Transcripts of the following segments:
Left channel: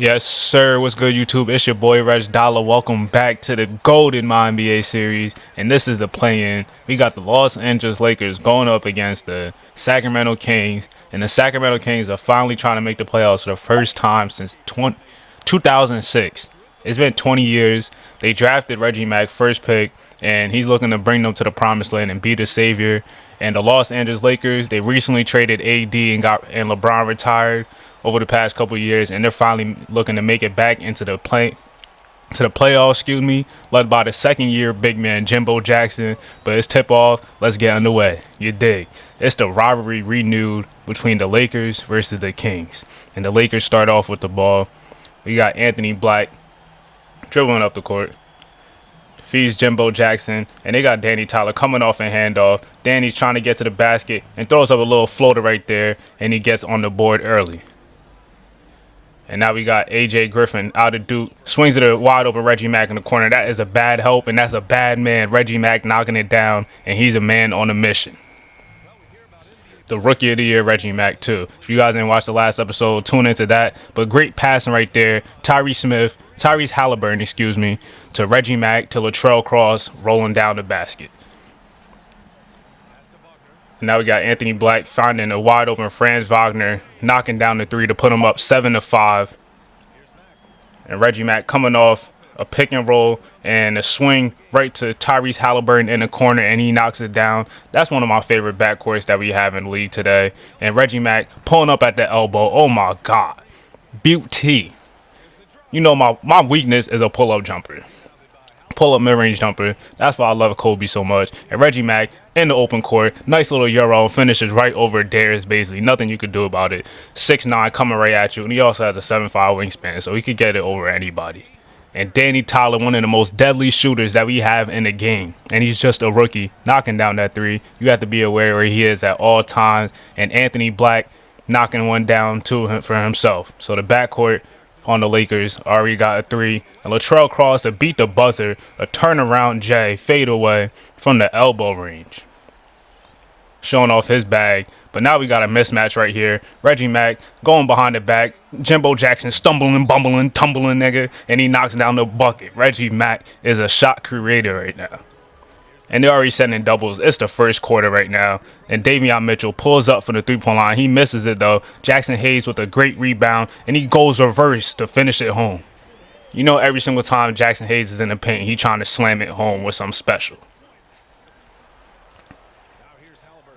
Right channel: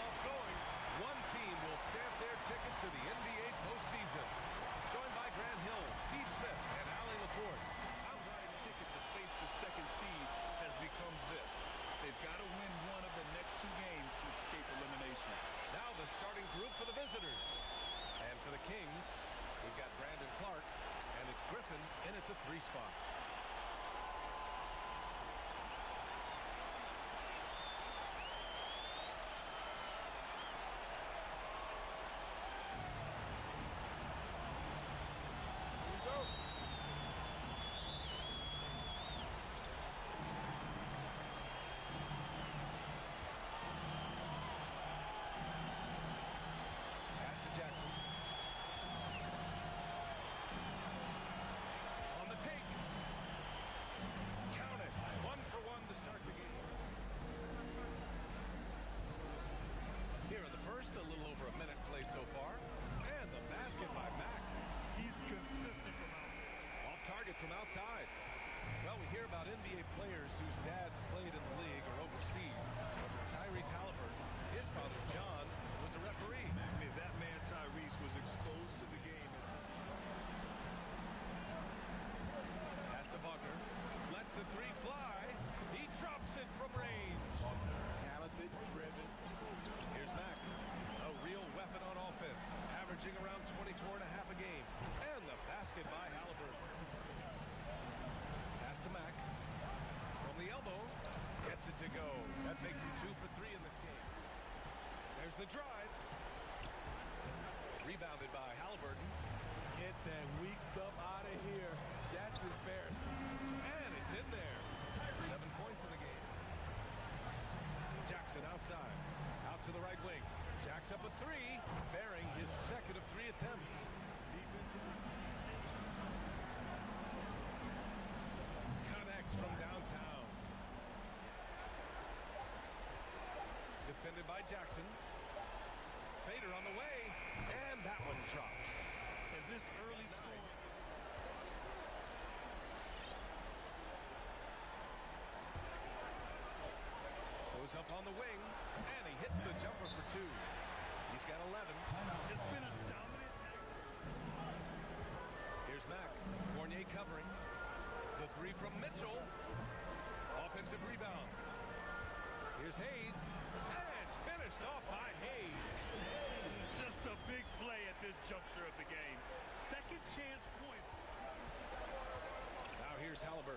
Yes, sir. What's good, YouTube? It's your boy RegDolla. Welcome back to the Golden My NBA series, and this is the play-in. We got the Los Angeles Lakers going up against the Sacramento Kings, and the Sacramento Kings are finally trying to make the playoffs for the first time since 2006. It's been 20 years. They drafted Reggie Mack first pick, and he's looking to bring them to the promised land and be the savior. And the Los Angeles Lakers, they recently traded AD and LeBron retired over the past couple of years, and they're finally looking to make it back into the playoffs, led by the second-year big man Jimbo Jackson. But it's tip-off. Let's get underway. You dig? It's the rivalry renewed between the Lakers versus the Kings, and the Lakers start off with the ball. We got Anthony Black dribbling up the court, feeds Jimbo Jackson, and they got Danny Tyler coming off a handoff. Danny's trying to get to the basket and throws up a little floater right there, and he gets on the board early. And now we got A.J. Griffin out of Duke, swings it a wide open Reggie Mack in the corner. That is a bad help, and that's a bad man. Reggie Mack knocking it down, and he's a man on a mission. The Rookie of the Year, Reggie Mack, too. If you guys didn't watch the last episode, tune into that. But great passing right there. Tyrese Halliburton, to Reggie Mack, to Latrell Cross, rolling down the basket. And now we got Anthony Black finding a wide open Franz Wagner, knocking down the three to put him up 7-5. And Reggie Mack coming off a pick and roll and a swing right to Tyrese Halliburton in the corner, and he knocks it down. That's one of my favorite backcourts that we have in the league today. And Reggie Mack pulling up at the elbow. Oh my God. Beauty. You know my weakness is a pull-up jumper. Pull-up mid-range jumper. That's why I love Kobe so much. And Reggie Mack in the open court. Nice little Euro. Finishes right over Darius Bazley. Nothing you could do about it. 6'9", coming right at you. And he also has a 7'5" wingspan, so he could get it over anybody. And Danny Tyler, one of the most deadly shooters that we have in the game. And he's just a rookie, knocking down that three. You have to be aware where he is at all times. And Anthony Black knocking one down for himself. So the backcourt on the Lakers already got a three. And Latrell Cross to beat the buzzer, a turnaround J, fade away from the elbow range, showing off his bag. But now we got a mismatch right here. Reggie Mack going behind the back. Jimbo Jackson stumbling, bumbling, tumbling, nigga, and he knocks down the bucket. Reggie Mack is a shot creator right now. And they're already setting doubles. It's the first quarter right now. And Davion Mitchell pulls up for the three-point line. He misses it, though. Jackson Hayes with a great rebound, and he goes reverse to finish it home. You know, every single time Jackson Hayes is in the paint, he trying to slam it home with something special.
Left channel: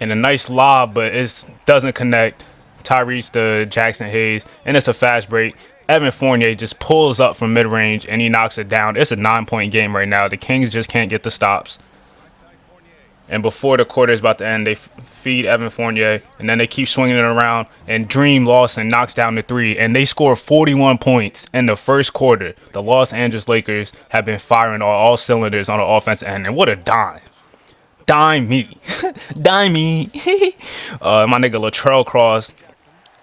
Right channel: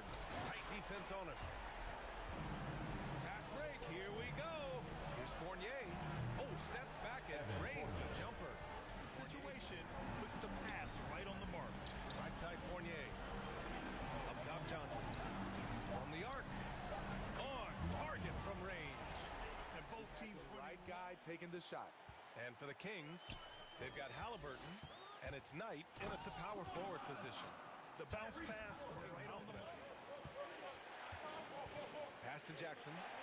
And a nice lob, but it doesn't connect. Tyrese to Jackson Hayes, and it's a fast break. Evan Fournier just pulls up from mid-range, and he knocks it down. It's a 9-point game right now. The Kings just can't get the stops. And before the quarter is about to end, they feed Evan Fournier, and then they keep swinging it around, and Dream Lawson knocks down the three, and they score 41 points in the first quarter. The Los Angeles Lakers have been firing on all cylinders on the offensive end, and what a dime. Dime me. Dime me. My nigga Latrell Cross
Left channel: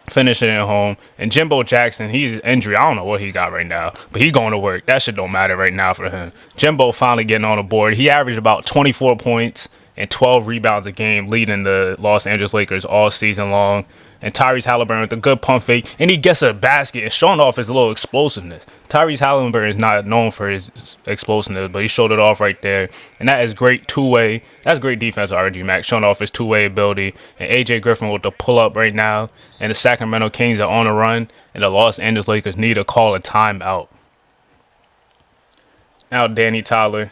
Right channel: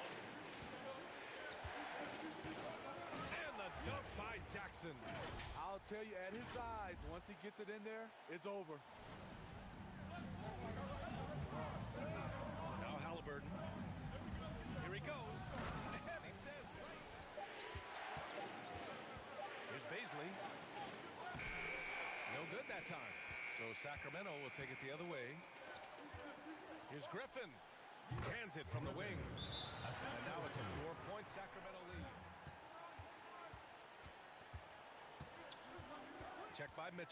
finishing it home. And Jimbo Jackson, he's injured. I don't know what he got right now, but he going to work. That shit don't matter right now for him. Jimbo finally getting on the board. He averaged about 24 points and 12 rebounds a game, leading the Los Angeles Lakers all season long. And Tyrese Halliburton with a good pump fake, and he gets a basket and showing off his little explosiveness. Tyrese Halliburton is not known for his explosiveness, but he showed it off right there. And that is great two-way. That's great defense, RG Mack, showing off his two-way ability. And A.J. Griffin with the pull-up right now. And the Sacramento Kings are on a run, and the Los Angeles Lakers need to call a timeout. Now Danny Tyler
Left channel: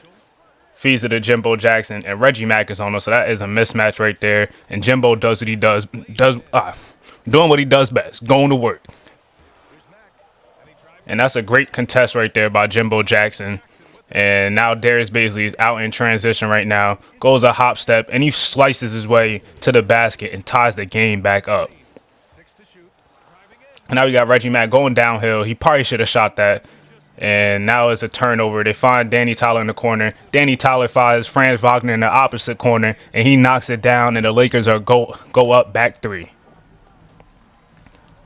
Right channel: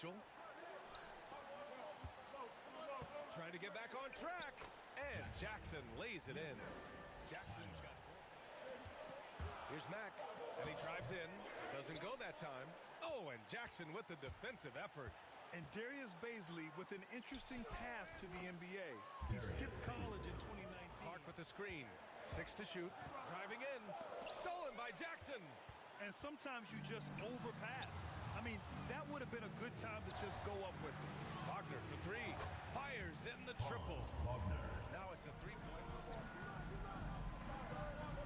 feeds it to Jimbo Jackson, and Reggie Mack is on us, so that is a mismatch right there. And Jimbo does what he does doing what he does best, going to work. And that's a great contest right there by Jimbo Jackson. And now Darius Bazley is out in transition right now, goes a hop step, and he slices his way to the basket and ties the game back up. And now we got Reggie Mack going downhill. He probably should have shot that. And now it's a turnover. They find Danny Tyler in the corner. Danny Tyler finds Franz Wagner in the opposite corner, and he knocks it down, and the Lakers are go up back three.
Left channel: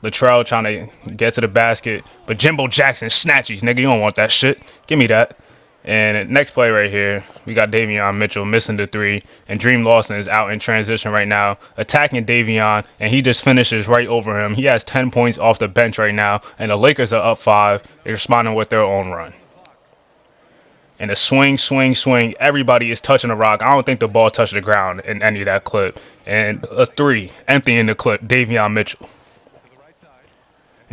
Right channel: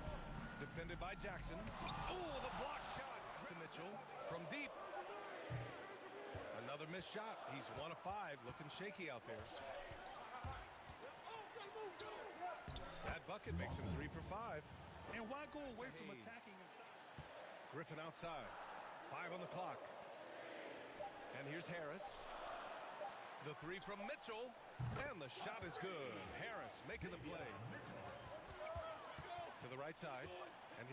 Latrell trying to get to the basket, but Jimbo Jackson snatches. Nigga, you don't want that shit. Give me that. And next play right here, we got Davion Mitchell missing the three, and Dream Lawson is out in transition right now, attacking Davion, and he just finishes right over him. He has 10 points off the bench right now, and the Lakers are up 5. They're responding with their own run. And a swing, swing, swing. Everybody is touching the rock. I don't think the ball touched the ground in any of that clip. And a three, empty in the clip, Davion Mitchell.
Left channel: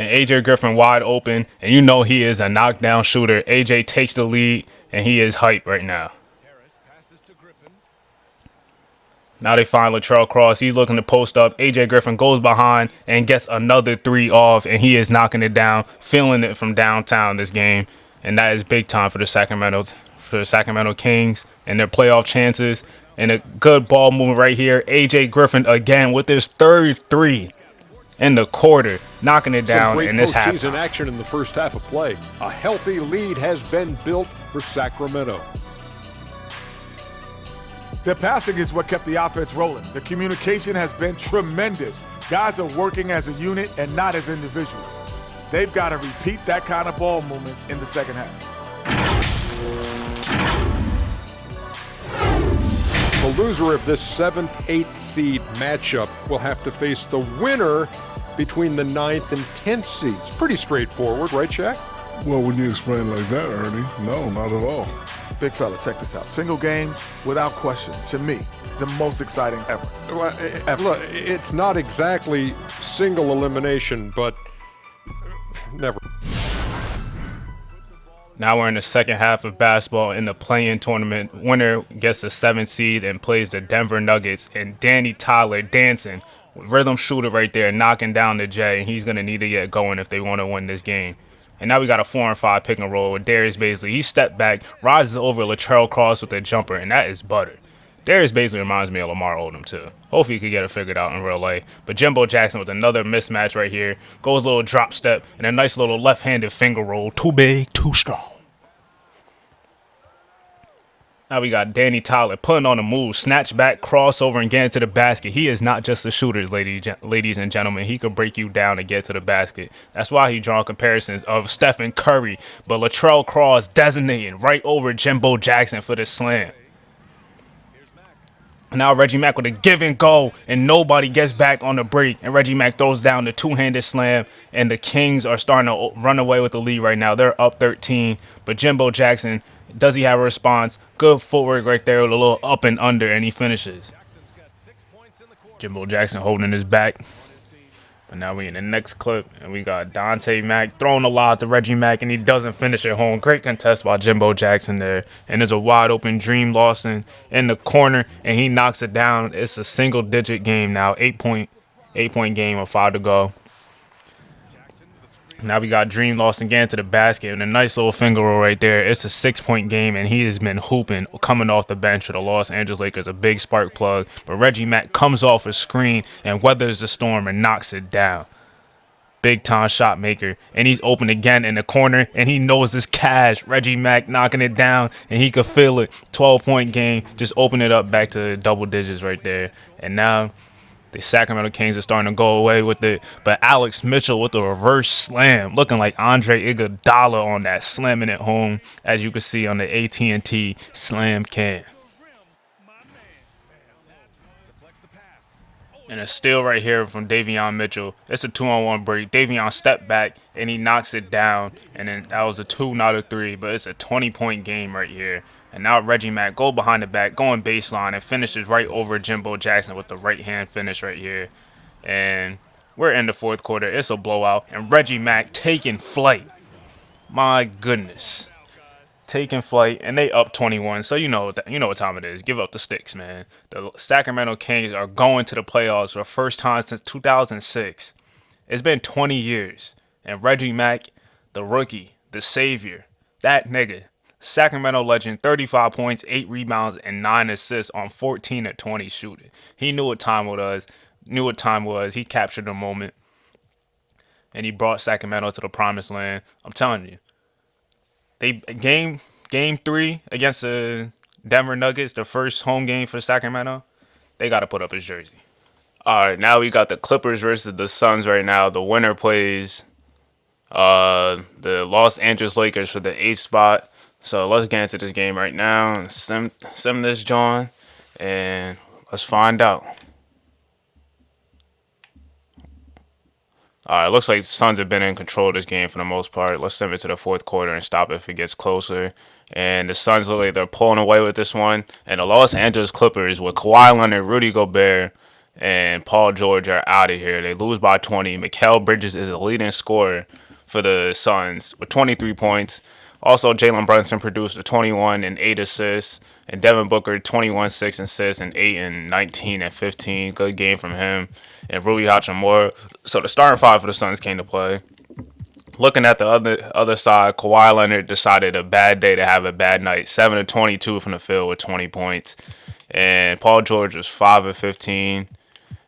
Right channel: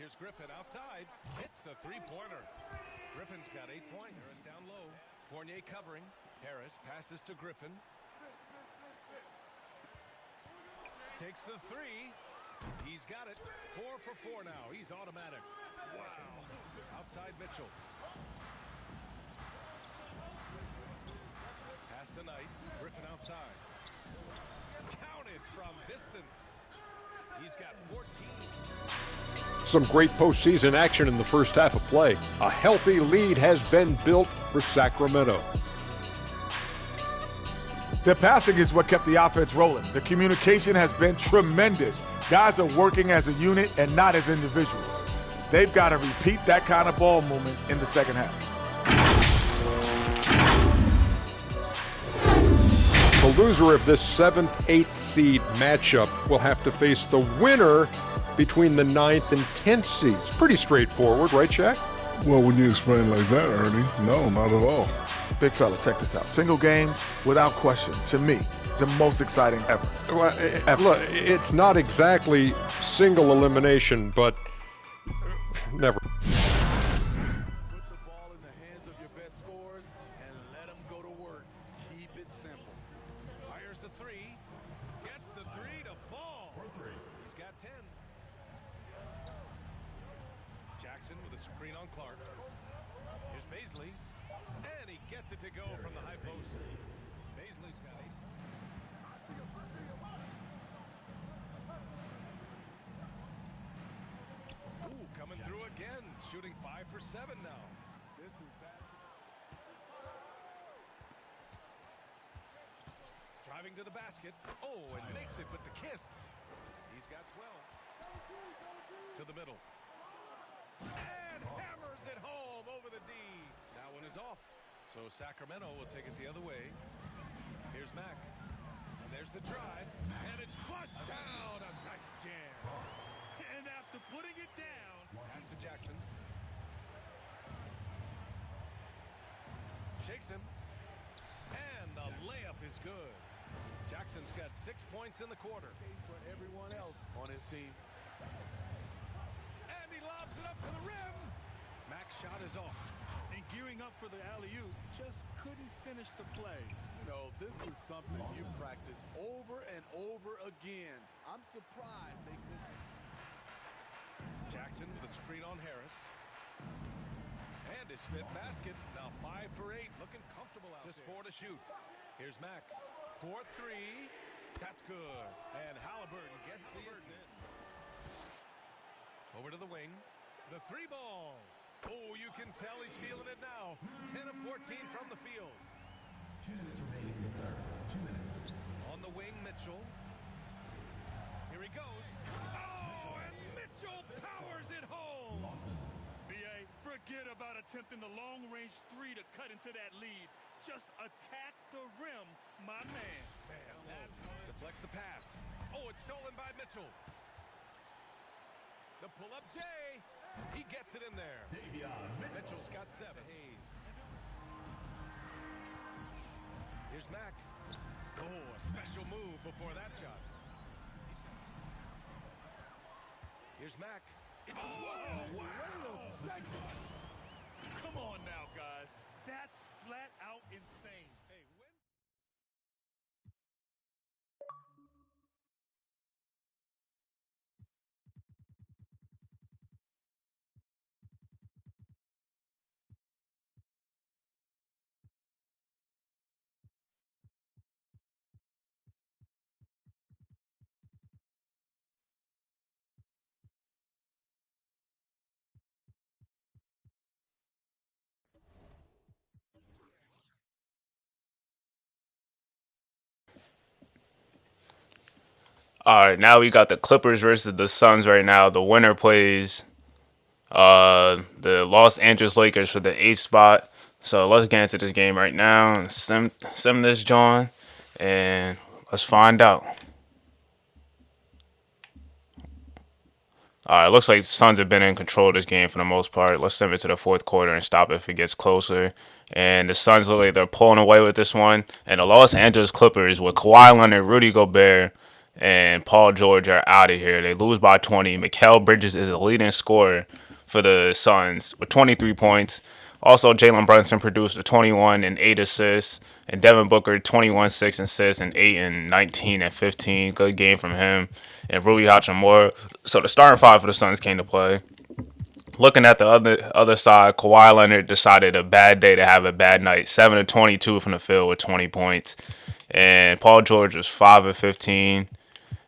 And AJ Griffin wide open, and you know he is a knockdown shooter. AJ takes the lead, and he is hyped right now. Now they find Latrell Cross. He's looking to post up. AJ Griffin goes behind and gets another three off, and he is knocking it down, feeling it from downtown this game. And that is big time for the Sacramento Kings and their playoff chances. And a good ball movement right here. AJ Griffin again with his third three in the quarter, knocking it down. Some great in this postseason action in the first half of play. A healthy lead has been built for Sacramento. Their passing is what kept the offense rolling. The communication has been tremendous. Guys are working as a unit and not as individuals. They've got to repeat that kind of ball movement in the second half. The loser of this 7th-8th seed matchup will have to face the winner between the 9th and 10th seeds. Pretty straightforward, right, Shaq? Well, when you explain it like that, Ernie, no, not at all. Big fella, check this out. Single game, without question, to me, the most exciting ever. Well, look, it's not exactly single elimination, but never. Now we're in the second half of basketball in the play-in tournament. Winner gets the 7th seed and plays the Denver Nuggets. And Danny Tyler dancing, rhythm shooter right there, knocking down the J. And he's going to need to get going if they want to win this game. And now we got a 4-and-5 pick and roll with Darius Bazley. He stepped back, rises over Latrell Cross with a jumper, and that is butter. Darius Bazley reminds me of Lamar Odom, too. Hopefully he could get it figured out in real life. But Jimbo Jackson with another mismatch right here. Goes a little drop step and a nice little left-handed finger roll. Too big, too strong. Now we got Danny Tyler putting on a move, snatch back, crossover, and get into the basket. He is not just a shooter, ladies and gentlemen. He could break you down and get to the basket. That's why he drawn comparisons of Stephen Curry, but Latrell Cross designating right over Jimbo Jackson for the slam. Now Reggie Mack with a give and go, and nobody gets back on the break. And Reggie Mack throws down the two-handed slam, and the Kings are starting to run away with the lead right now. They're up 13, but Jimbo Jackson, does he have a response? Good footwork right there with a little up and under, and he finishes. Jimbo Jackson holding his back. But now we in the next clip, and we got Dante Mack throwing a lob to Reggie Mack, and he doesn't finish it home. Great contest by Jimbo Jackson there. And there's a wide-open Dream Lawson in the corner, and he knocks it down. It's a single-digit game now, 8-point game with 5 to go. Now we got Dream Lawson getting to the basket and a nice little finger roll right there. It's a 6-point game, and he has been hooping coming off the bench for the Los Angeles Lakers, a big spark plug. But Reggie Mack comes off a screen and weathers the storm and knocks it down. Big-time shot maker, and he's open again in the corner, and he knows his cash. Reggie Mack knocking it down, and he could feel it. 12-point game, just open it up back to double digits right there. And now the Sacramento Kings are starting to go away with it. But Alex Mitchell with the reverse slam, looking like Andre Iguodala on that, slamming it home, as you can see on the AT&T Slam Cam. And a steal right here from Davion Mitchell. It's a 2-on-1 break. Davion stepped back, and he knocks it down. And then that was a 2, not a 3. But it's a 20-point game right here. And now Reggie Mack go behind the back, going baseline, and finishes right over Jimbo Jackson with the right-hand finish right here. And we're in the fourth quarter. It's a blowout. And Reggie Mack taking flight. My goodness. Taking flight, and they up 21. So you know what time it is. Give up the sticks, man. The Sacramento Kings are going to the playoffs for the first time since 2006. It's been 20 years. And Reggie Mack, the rookie, the savior, that nigga, Sacramento legend, 35 points, 8 rebounds, and 9 assists on 14 of 20 shooting. He knew what time it was. He captured the moment, and he brought Sacramento to the promised land. I'm telling you. They game 3 against the Denver Nuggets, the first home game for Sacramento, they got to put up his jersey. All right, now we got the Clippers versus the Suns right now. The winner plays the Los Angeles Lakers for the 8th spot. So let's get into this game right now and sim this John, and let's find out. All right, looks like the Suns have been in control of this game for the most part. Let's sim it to the fourth quarter and stop if it gets closer. And the Suns look like they're pulling away with this one. And the Los Angeles Clippers with Kawhi Leonard, Rudy Gobert, and Paul George are out of here. They lose by 20. Mikal Bridges is the leading scorer for the Suns with 23 points. Also, Jalen Brunson produced a 21 and 8 assists, and Devin Booker 21, 6 assists, and 8 and 19 and 15. Good game from him. And Rui Hachimura. So the starting five for the Suns came to play. Looking at the other side, Kawhi Leonard decided a bad day to have a bad night. 7 of 22 from the field with 20 points. And Paul George was 5 of 15.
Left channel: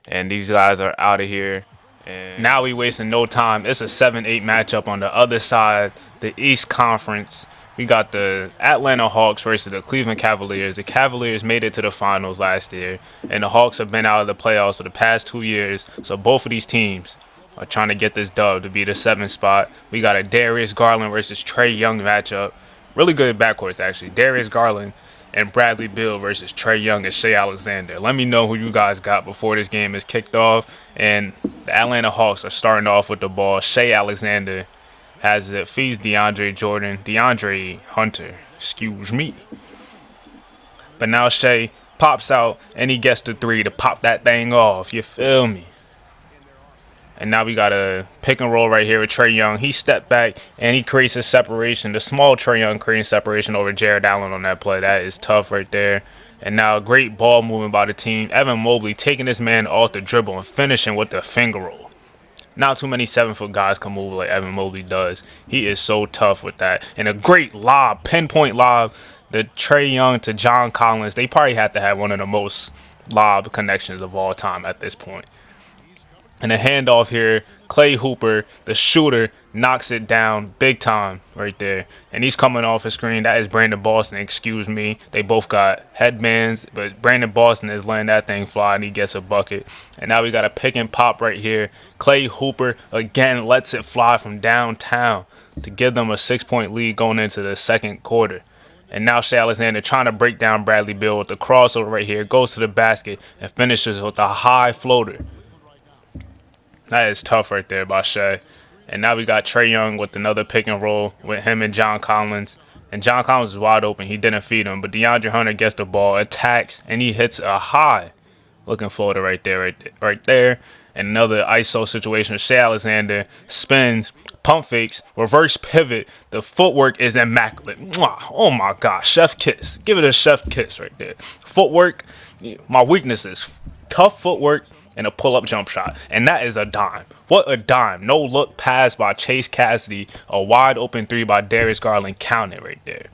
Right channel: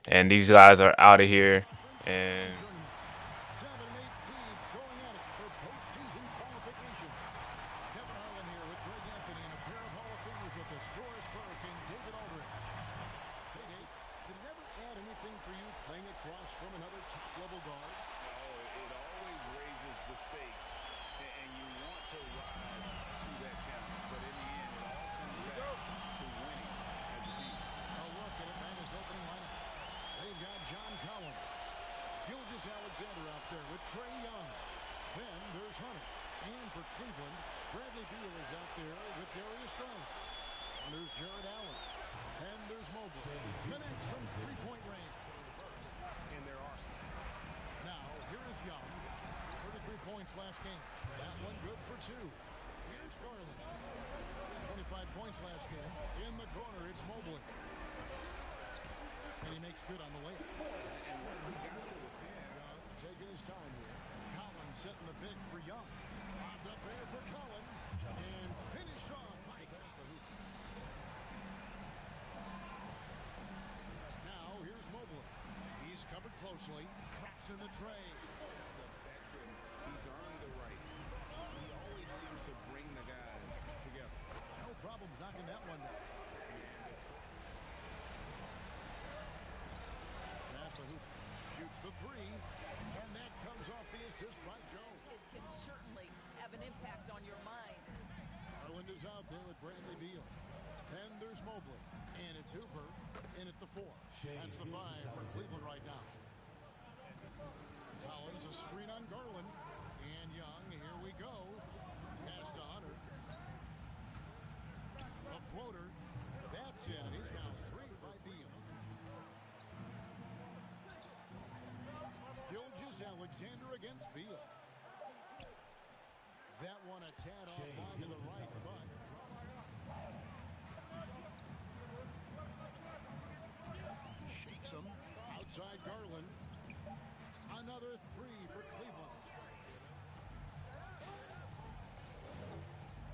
And these guys are out of here. And now we wasting no time. It's a 7-8 matchup on the other side, the East Conference. We got the Atlanta Hawks versus the Cleveland Cavaliers. The Cavaliers made it to the finals last year, and the Hawks have been out of the playoffs for the past 2 years. So both of these teams are trying to get this dub to be the 7th spot. We got a Darius Garland versus Trae Young matchup. Really good backcourts, actually. Darius Garland and Bradley Beal versus Trae Young and Shai Alexander. Let me know who you guys got before this game is kicked off. And the Atlanta Hawks are starting off with the ball. Shai Alexander has it, feeds DeAndre Hunter, excuse me. But now Shai pops out and he gets the three to pop that thing off. You feel me? And now we got a pick and roll right here with Trae Young. He stepped back and he creates a separation. The small Trae Young creating separation over Jared Allen on that play. That is tough right there. And now great ball movement by the team. Evan Mobley taking this man off the dribble and finishing with the finger roll. Not too many 7-foot guys can move like Evan Mobley does. He is so tough with that. And a great lob, pinpoint lob, the Trae Young to John Collins. They probably have to have one of the most lob connections of all time at this point. And a handoff here, Clay Hooper, the shooter, knocks it down big time right there. And he's coming off a screen. That is Brandon Boston, excuse me. They both got headbands, but Brandon Boston is letting that thing fly, and he gets a bucket. And now we got a pick and pop right here. Clay Hooper, again, lets it fly from downtown to give them a 6-point lead going into the second quarter. And now Shai Alexander trying to break down Bradley Beal with the crossover right here. Goes to the basket and finishes with a high floater. That is tough right there by Shai. And now we got Trae Young with another pick and roll with him and John Collins. And John Collins is wide open. He didn't feed him. But DeAndre Hunter gets the ball, attacks, and he hits a high-looking floater right there. And another ISO situation. Shai Alexander spins, pump fakes, reverse pivot. The footwork is immaculate. Mwah. Oh, my gosh. Chef kiss. Give it a chef kiss right there. Footwork, my weaknesses. Tough footwork and a pull-up jump shot. And that is a dime. What a dime. No look pass by Chase Cassidy. A wide open three by Darius Garland. Counted right there.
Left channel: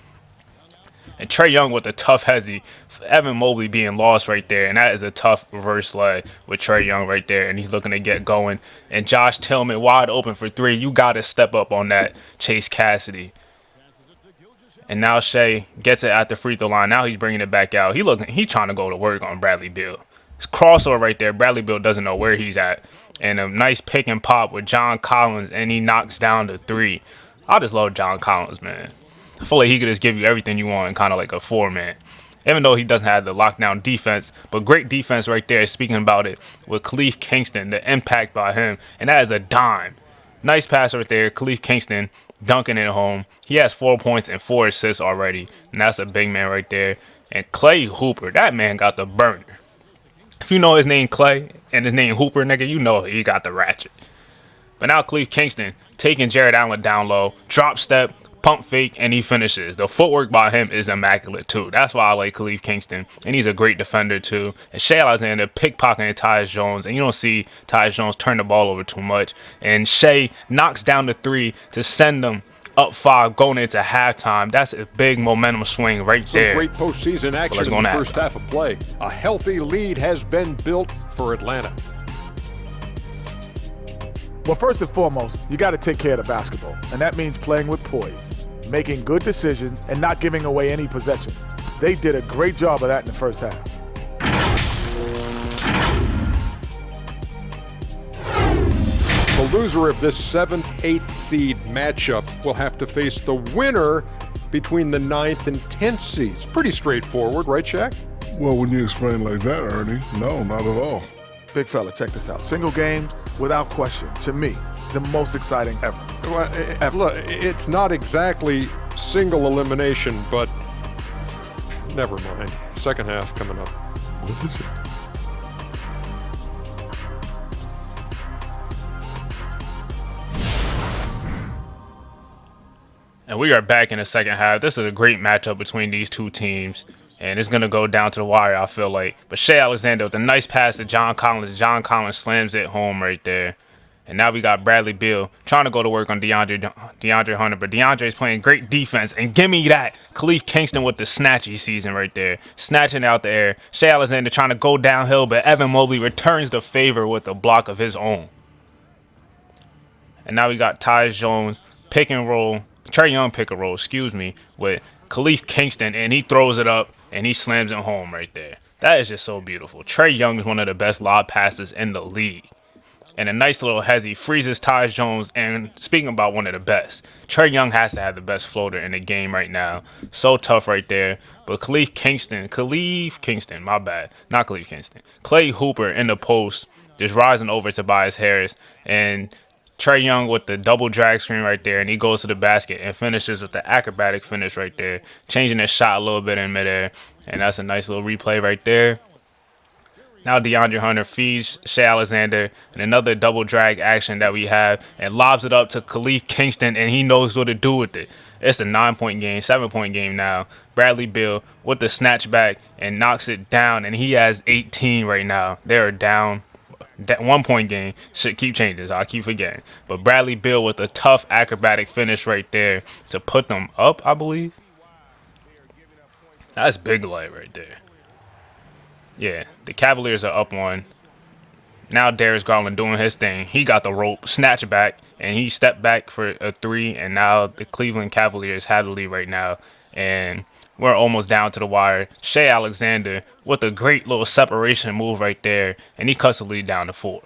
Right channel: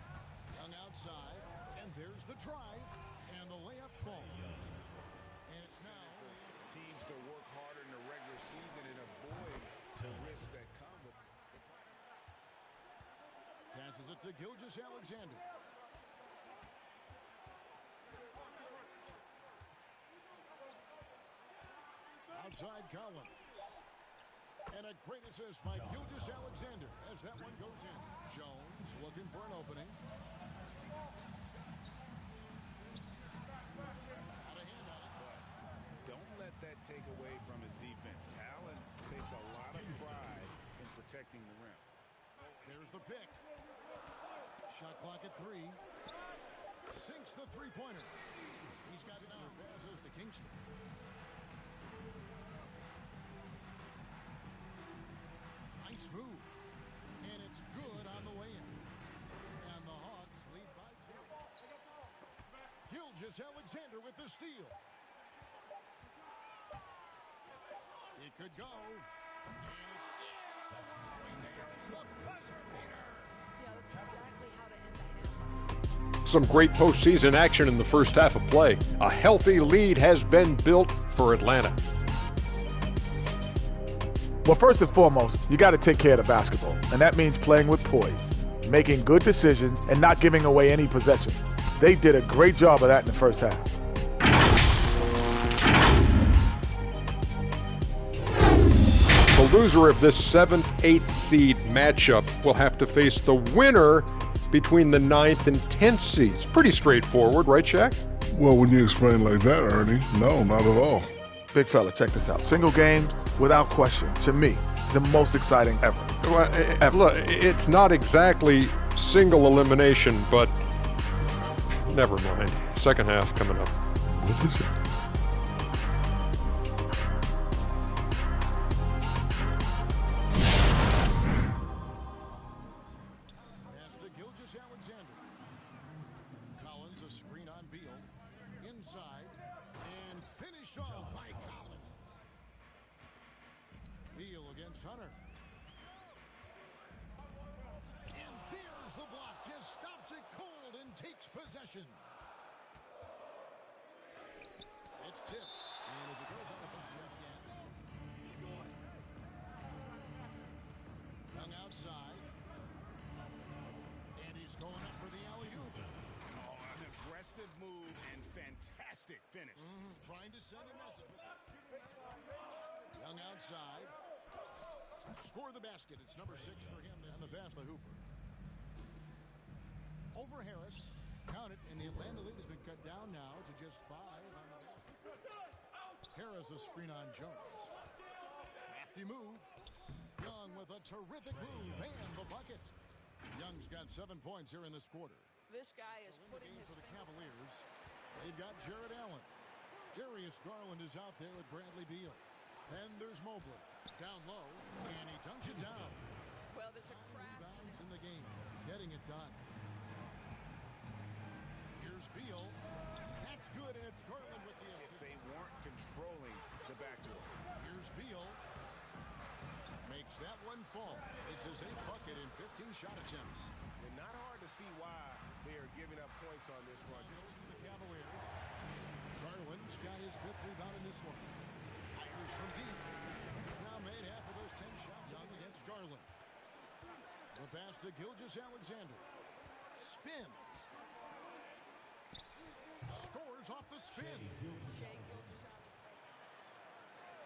And Trae Young with a tough hezzy. Evan Mobley being lost right there. And that is a tough reverse leg with Trae Young right there. And he's looking to get going. And Josh Tillman wide open for three. You got to step up on that, Chase Cassidy. And now Shai gets it at the free throw line. Now he's bringing it back out. He's trying to go to work on Bradley Beal. It's crossover right there. Bradley Beal doesn't know where he's at. And a nice pick and pop with John Collins, and he knocks down the three. I just love John Collins, man. I feel like he could just give you everything you want in kind of like a four-man. Even though he doesn't have the lockdown defense, but great defense right there, speaking about it, with Khalif Kingston, the impact by him. And that is a dime. Nice pass right there. Khalif Kingston dunking it home. He has 4 points and 4 assists already. And that's a big man right there. And Clay Hooper, that man got the burner. If you know his name Clay and his name Hooper, nigga, you know he got the ratchet. But now Khalif Kingston taking Jared Allen down low, drop step, pump fake, and he finishes. The footwork by him is immaculate too. That's why I like Khalif Kingston, and he's a great defender too. And Shai Alexander pickpocketing Tyus Jones, and you don't see Tyus Jones turn the ball over too much. And Shai knocks down the three to send them up 5 going into halftime. That's a big momentum swing right there. Some great postseason action in the first half of play. A healthy lead has been built for Atlanta. Well, first and foremost, you got to take care of the basketball, and that means playing with poise, making good decisions, and not giving away any possessions. They did a great job of that in the first half. The loser of this 7th, 8th seed matchup will have to face the winner between the 9th and 10th seeds. Pretty straightforward, right, Shaq? Well, when you explain like that, Ernie, no, not at all. Big fella, check this out. Single game, without question, to me, the most exciting ever. Well, look, it's not exactly single elimination, but never mind. Second half coming up. What is it? And we are back in the second half. This is a great matchup between these two teams. And it's going to go down to the wire, I feel like. But Shea Alexander with a nice pass to John Collins. John Collins slams it home right there. And now we got Bradley Beal trying to go to work on DeAndre Hunter. But DeAndre's playing great defense. And give me that. Khalif Kingston with the snatchy season right there. Snatching out the air. Shea Alexander trying to go downhill. But Evan Mobley returns the favor with a block of his own. And now we got Tyus Jones pick and roll. Trae Young pick and roll, with Khalif Kingston. And he throws it up. And he slams it home right there. That is just so beautiful. Trae Young is one of the best lob passers in the league. And a nice little hezzy freezes Tyus Jones. And speaking about one of the best, Trae Young has to have the best floater in the game right now. So tough right there. But Khalif Kingston, my bad. Not Khalif Kingston. Clay Hooper in the post, just rising over Tobias Harris. And Trae Young with the double drag screen right there, and he goes to the basket and finishes with the acrobatic finish right there, changing his shot a little bit in midair, and that's a nice little replay right there. Now DeAndre Hunter feeds Shea Alexander and another double drag action that we have, and lobs it up to Khalif Kingston, and he knows what to do with it. It's a 9-point game, 7-point game now. Bradley Beal with the snatch back and knocks it down, and he has 18 right now. They're down. That 1-point game should keep changing, so I keep forgetting. But Bradley Beal with a tough acrobatic finish right there to put them up, I believe. That's big light right there. Yeah, the Cavaliers are up one. Now Darius Garland doing his thing. He got the rope, snatch back, and he stepped back for a three. And now the Cleveland Cavaliers have the lead right now. And we're almost down to the wire. Shea Alexander with a great little separation move right there. And he cuts the lead down to 4.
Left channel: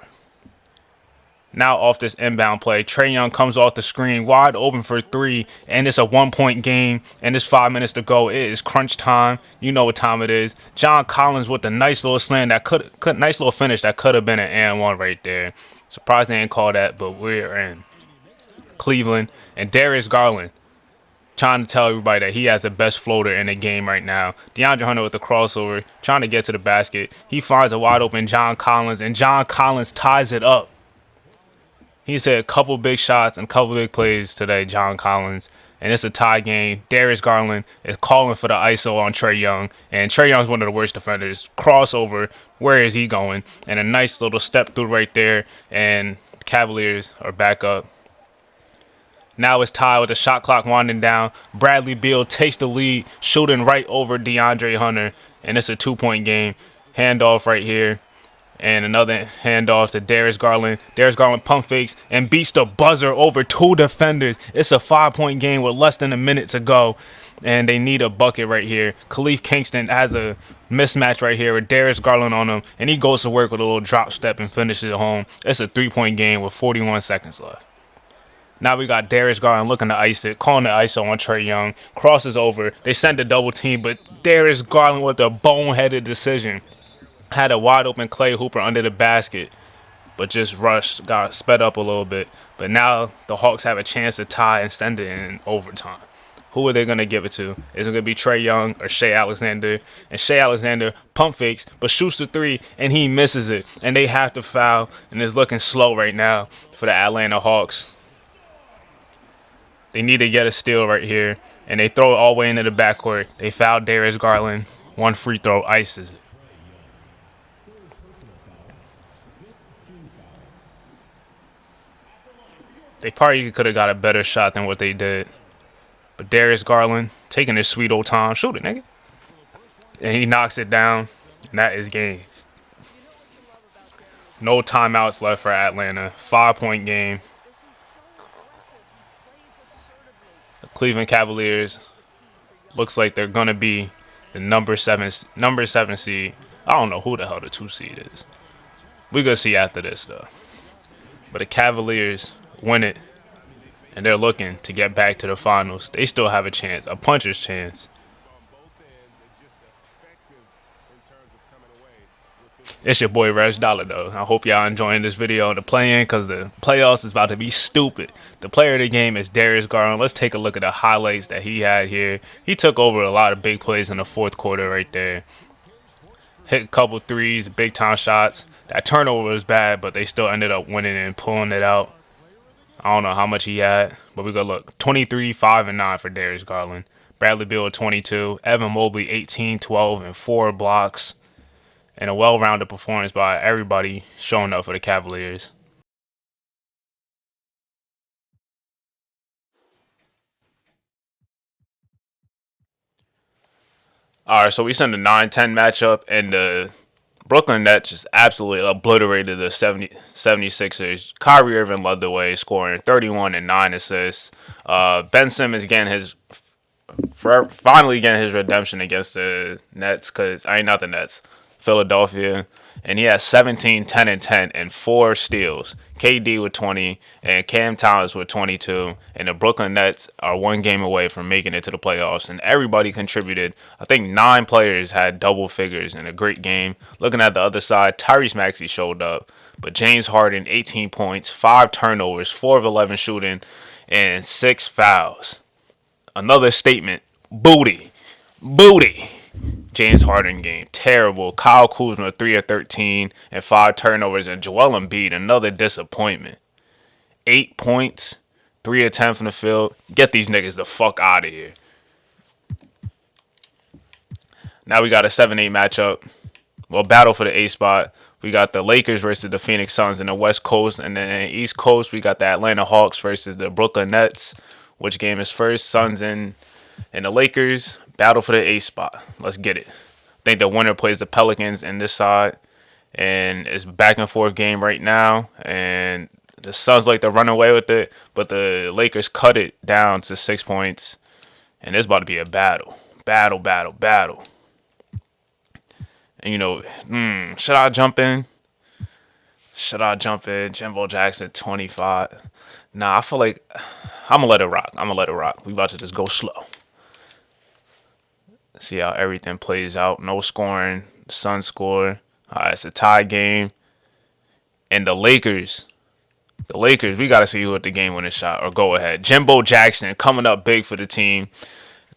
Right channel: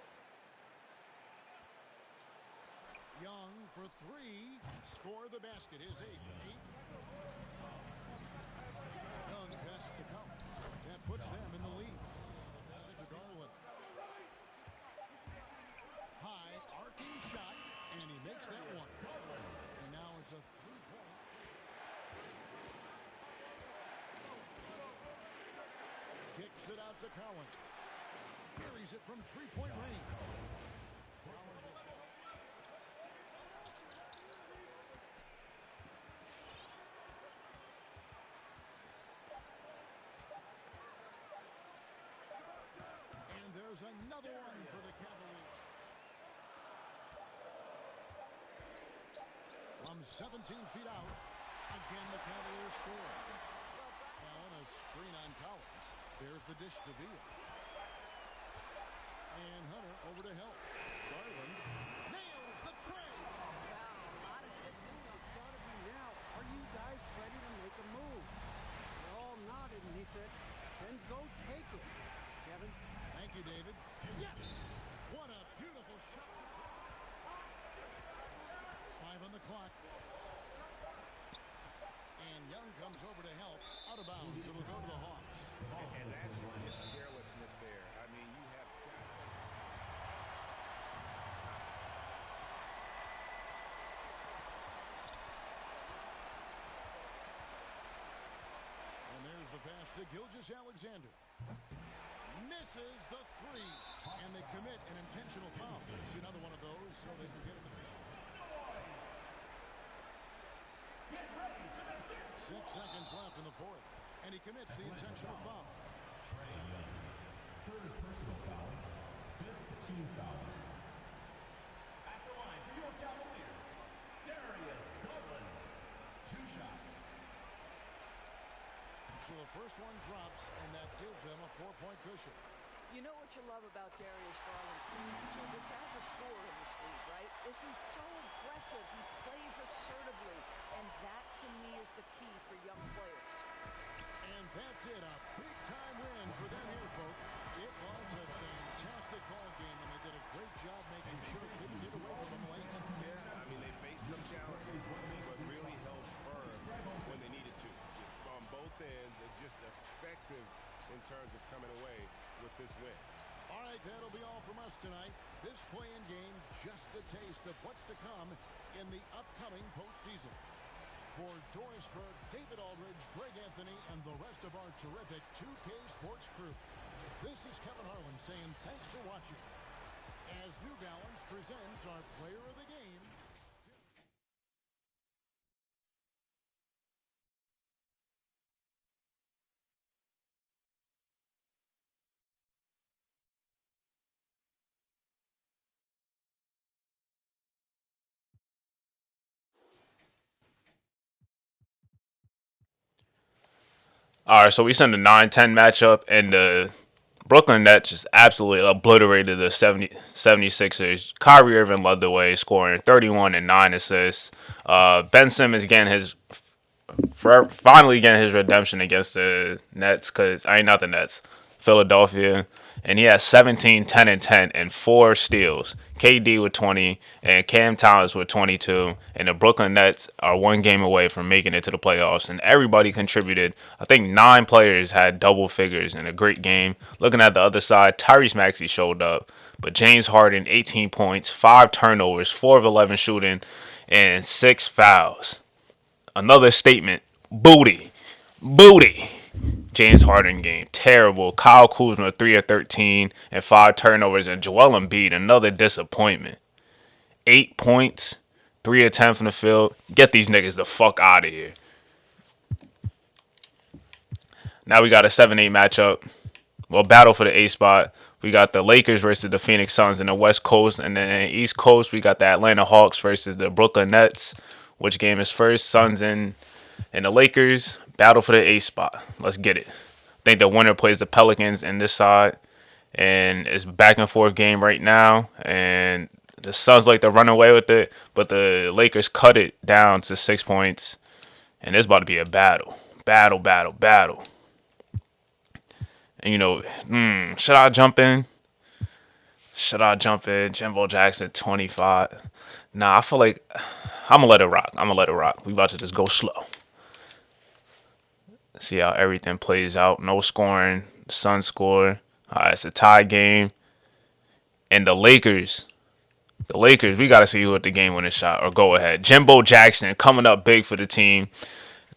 Now off this inbound play, Trae Young comes off the screen, wide open for 3. And it's a 1-point game. And it's 5 minutes to go. It is crunch time. You know what time it is. John Collins with a nice little slam that nice little finish that could have been an and one right there. Surprised they didn't call that, but we're in Cleveland. And Darius Garland trying to tell everybody that he has the best floater in the game right now. DeAndre Hunter with the crossover, trying to get to the basket. He finds a wide open John Collins, and John Collins ties it up. He's had a couple big shots and a couple big plays today, John Collins. And it's a tie game. Darius Garland is calling for the ISO on Trae Young. And Trae Young's one of the worst defenders. Crossover, where is he going? And a nice little step through right there. And the Cavaliers are back up. Now it's tied with the shot clock winding down. Bradley Beal takes the lead, shooting right over DeAndre Hunter. And it's a 2-point game. Handoff right here. And another handoff to Darius Garland. Darius Garland pump fakes and beats the buzzer over 2 defenders. It's a 5-point game with less than a minute to go. And they need a bucket right here. Khalif Kingston has a mismatch right here with Darius Garland on him. And he goes to work with a little drop step and finishes it home. It's a 3-point game with 41 seconds left. Now we got Darius Garland looking to ice it, calling the ISO on Trae Young. Crosses over. They send a double team, but Darius Garland with a boneheaded decision. Had a wide open Clay Hooper under the basket, but just rushed, got sped up a little bit. But now the Hawks have a chance to tie and send it in overtime. Who are they going to give it to? Is it going to be Trae Young or Shea Alexander? And Shea Alexander pump fakes, but shoots the 3, and he misses it. And they have to foul, and it's looking slow right now for the Atlanta Hawks. They need to get a steal right here, and they throw it all the way into the backcourt. They foul Darius Garland. 1 free throw, ices it. They probably could have got a better shot than what they did. But Darius Garland taking his sweet old time. Shoot it, nigga. And he knocks it down. And that is game. No timeouts left for Atlanta. 5-point game. The Cleveland Cavaliers looks like they're going to be the number 7 seed. I don't know who the hell the 2 seed is. We're going to see after this, though. But the Cavaliers win it and they're looking to get back to the finals. They still have a chance, a puncher's chance. It's your boy RegDolla though. I hope y'all enjoying this video on the play-in because the playoffs is about to be stupid. The player of the game is Darius Garland. Let's take a look at the highlights that he had here. He took over a lot of big plays in the fourth quarter right there. Hit a couple threes, big time shots. That turnover was bad, but they still ended up winning and pulling it out. I don't know how much he had, but we go look. 23, 5, and 9 for Darius Garland. Bradley Beal with 22. Evan Mobley 18, 12, and 4 blocks. And a well-rounded performance by everybody showing up for the Cavaliers. All right, so we sent a 9-10 matchup, and the Brooklyn Nets just absolutely obliterated the 76ers. Kyrie Irving led the way, scoring 31 and 9 assists. Ben Simmons finally getting his redemption against the Nets, not the Nets, Philadelphia. And he has 17, 10, and 10, and 4 steals. KD with 20, and Cam Thomas with 22. And the Brooklyn Nets are 1 game away from making it to the playoffs. And everybody contributed. I think 9 players had double figures in a great game. Looking at the other side, Tyrese Maxey showed up. But James Harden, 18 points, 5 turnovers, 4 of 11 shooting, and 6 fouls. Another statement. Booty. James Harden game, terrible. Kyle Kuzma, 3 of 13 and 5 turnovers. And Joel Embiid, another disappointment. 8 points, 3 of 10 from the field. Get these niggas the fuck out of here. Now we got a 7-8 matchup. Well, battle for the A spot. We got the Lakers versus the Phoenix Suns in the West Coast. And then in the East Coast, we got the Atlanta Hawks versus the Brooklyn Nets. Which game is first? Suns and the Lakers. Battle for the A spot. Let's get it. I think the winner plays the Pelicans in this side. And it's a back and forth game right now. And the Suns like to run away with it. But the Lakers cut it down to 6 points. And it's about to be a battle. Battle. And should I jump in? Jimbo Jackson, 25. Nah, I feel like I'm going to let it rock. We about to just go slow. See how everything plays out. No scoring. Suns score. All right, it's a tie game. And the Lakers, we got to see who hit the game-winning shot or go-ahead. Jimbo Jackson coming up big for the team.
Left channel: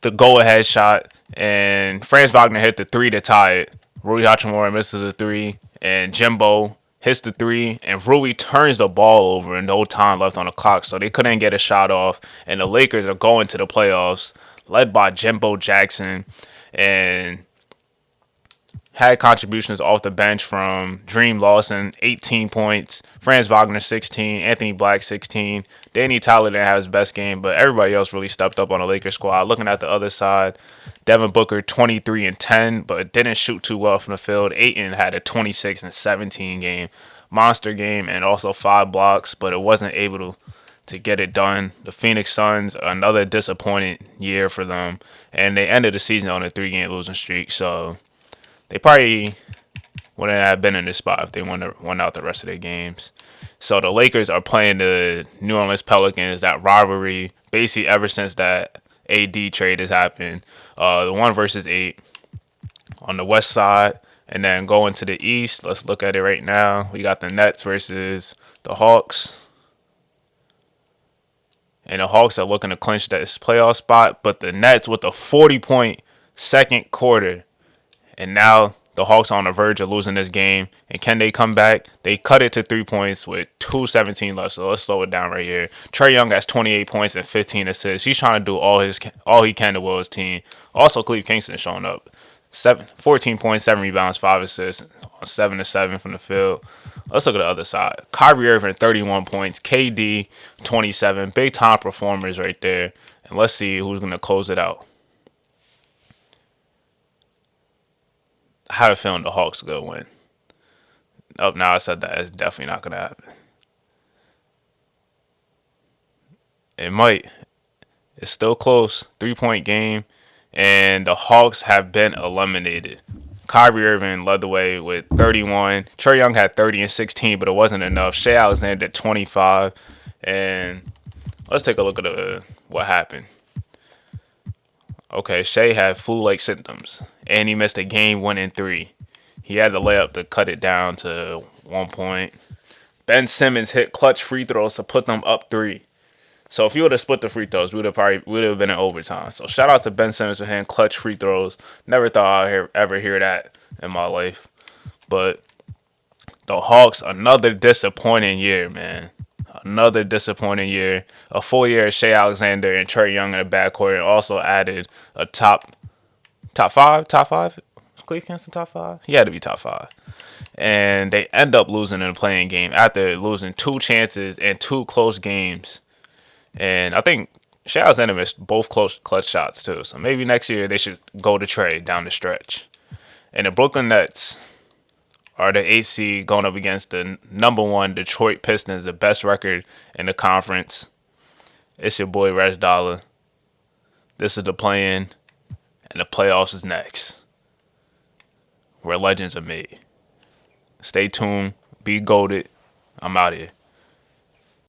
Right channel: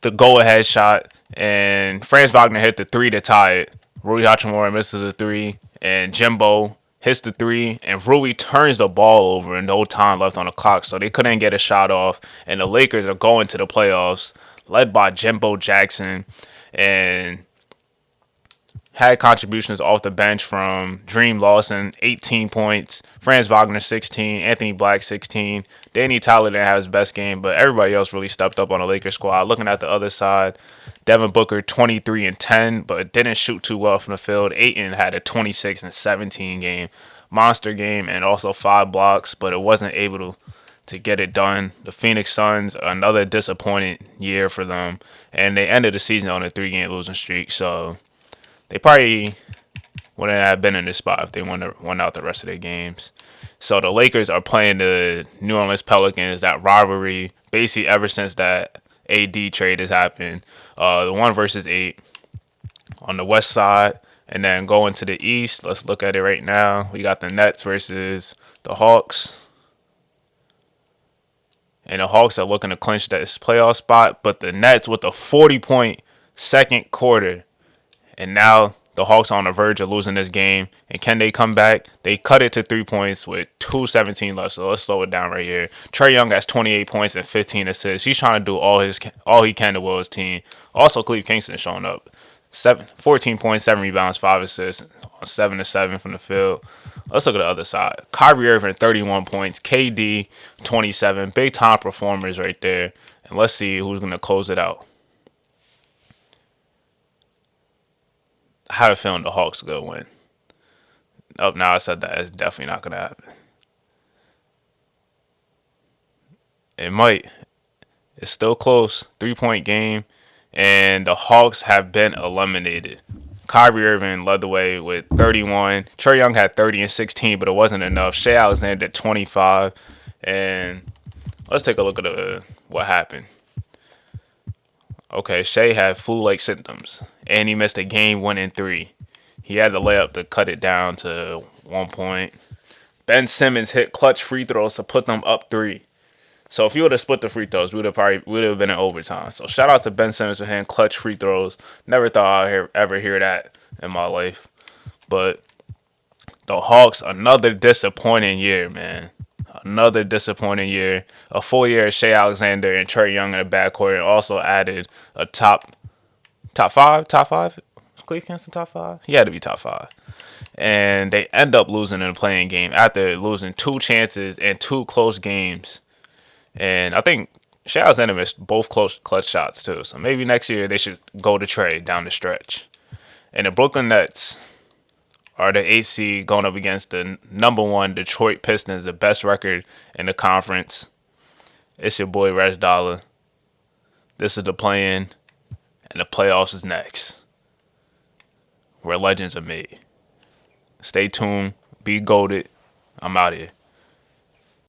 The go-ahead shot. And Franz Wagner hit the 3 to tie it. Rui Hachimura misses the 3. And Jimbo hits the 3. And Rui turns the ball over and no time left on the clock. So they couldn't get a shot off. And the Lakers are going to the playoffs, led by Jimbo Jackson. And had contributions off the bench from Dream Lawson, 18 points, Franz Wagner, 16, Anthony Black, 16. Danny Tyler didn't have his best game, but everybody else really stepped up on the Lakers squad. Looking at the other side, Devin Booker, 23 and 10, but didn't shoot too well from the field. Ayton had a 26 and 17 game, monster game, and also 5 blocks, but it wasn't able to get it done. The Phoenix Suns, another disappointing year for them, and they ended the season on a 3-game losing streak, so they probably wouldn't have been in this spot if they won out the rest of their games. So the Lakers are playing the New Orleans Pelicans, that rivalry, basically ever since that AD trade has happened. The 1 versus 8 on the west side. And then going to the east, let's look at it right now. We got the Nets versus the Hawks. And the Hawks are looking to clinch that playoff spot. But the Nets with a 40-point second quarter. And now the Hawks are on the verge of losing this game. And can they come back? They cut it to 3 points with 2:17 left. So let's slow it down right here. Trae Young has 28 points and 15 assists. He's trying to do all he can to will his team. Also, Cleve Kingston showing up. 14 points, 7 rebounds, 5 assists on 7 of 7 from the field. Let's look at the other side. Kyrie Irving, 31 points. KD, 27. Big time performers right there. And let's see who's going to close it out. I have a feeling the Hawks are going to win. Oh, now I said that. It's definitely not going to happen. It might. It's still close. 3-point game. And the Hawks have been eliminated. Kyrie Irving led the way with 31. Trae Young had 30 and 16, but it wasn't enough. Shai Alexander at 25. And Let's take a look at what happened. Okay, Shea had flu-like symptoms, and he missed a game-winning 3. He had the layup to cut it down to 1 point. Ben Simmons hit clutch free throws to put them up 3. So if you would have split the free throws, we would have been in overtime. So shout out to Ben Simmons for hitting clutch free throws. Never thought I'd ever hear that in my life. But the Hawks, another disappointing year, man. Another disappointing year. A full year of Shea Alexander and Trae Young in the backcourt, and also added a top 5. Cleveland's in top 5. He had to be top 5. And they end up losing in the playing game after losing 2 chances and 2 close games. And I think Shea Alexander missed both clutch shots too. So maybe next year they should go to Trae down the stretch. And the Brooklyn Nets are the 8th seed going up against the number 1 Detroit Pistons, the best record in the conference. It's your boy RegDolla. This is the play-in, and the playoffs is next, where legends are made. Stay tuned. Be goated. I'm out here.